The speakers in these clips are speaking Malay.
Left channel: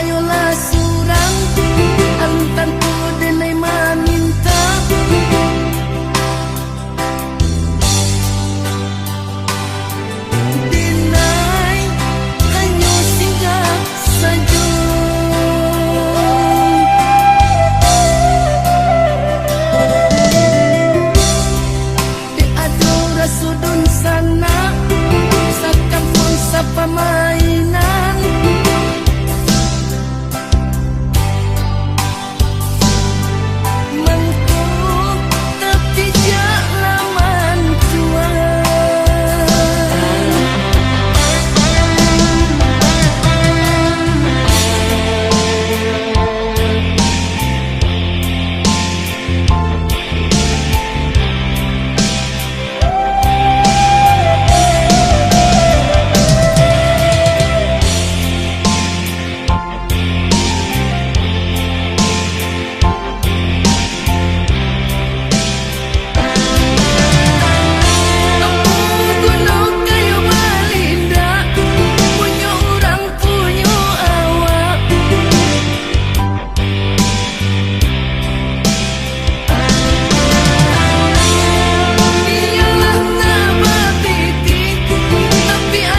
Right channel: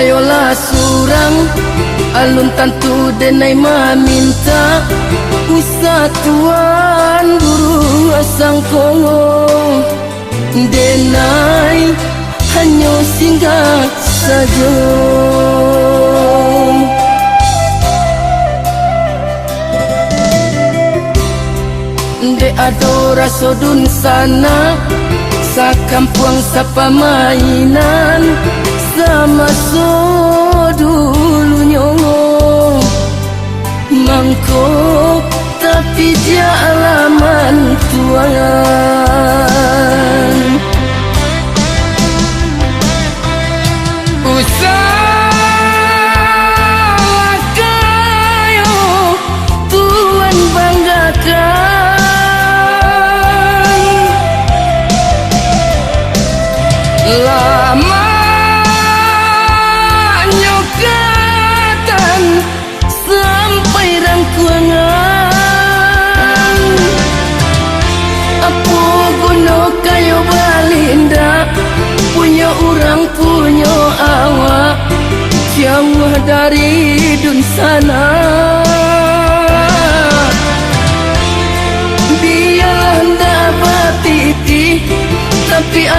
kayolah surang alun tantu denai maminta usatuan burung asang kongo denai hanya singgah saja. De adora sodun sana sa kampung sa pamainan sama so dulunya mangkok tapi dia alaman tuan.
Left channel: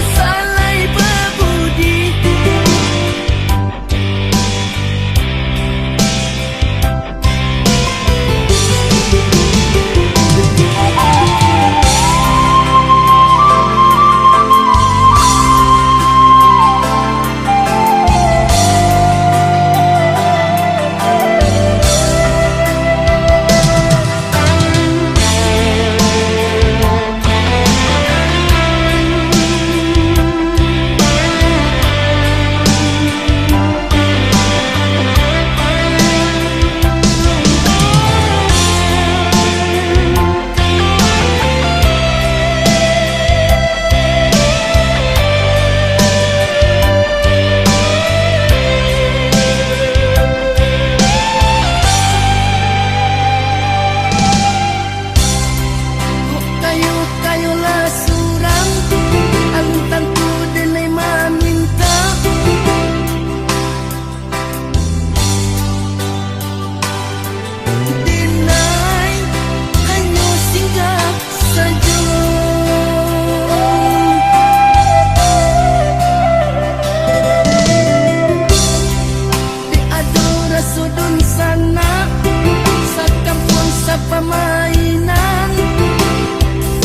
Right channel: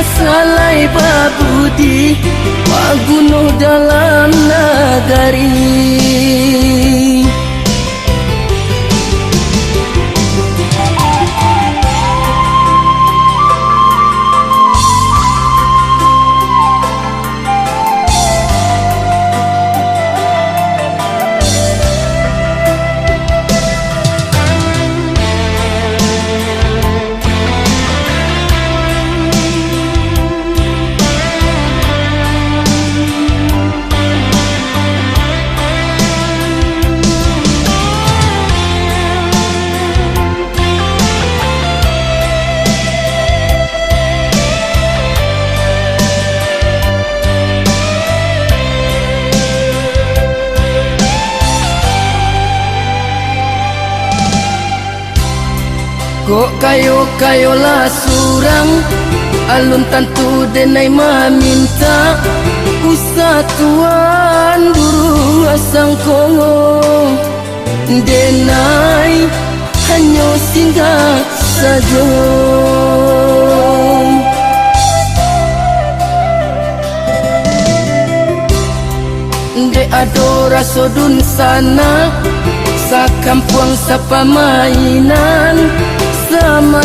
Salai babudi pagunuh dalam nagari. Kayolah surang alun tantu denai maminta usatuan burung asang kongo denai hanya singgah saja. De adora sodun sana sa kampung sa pamainan sama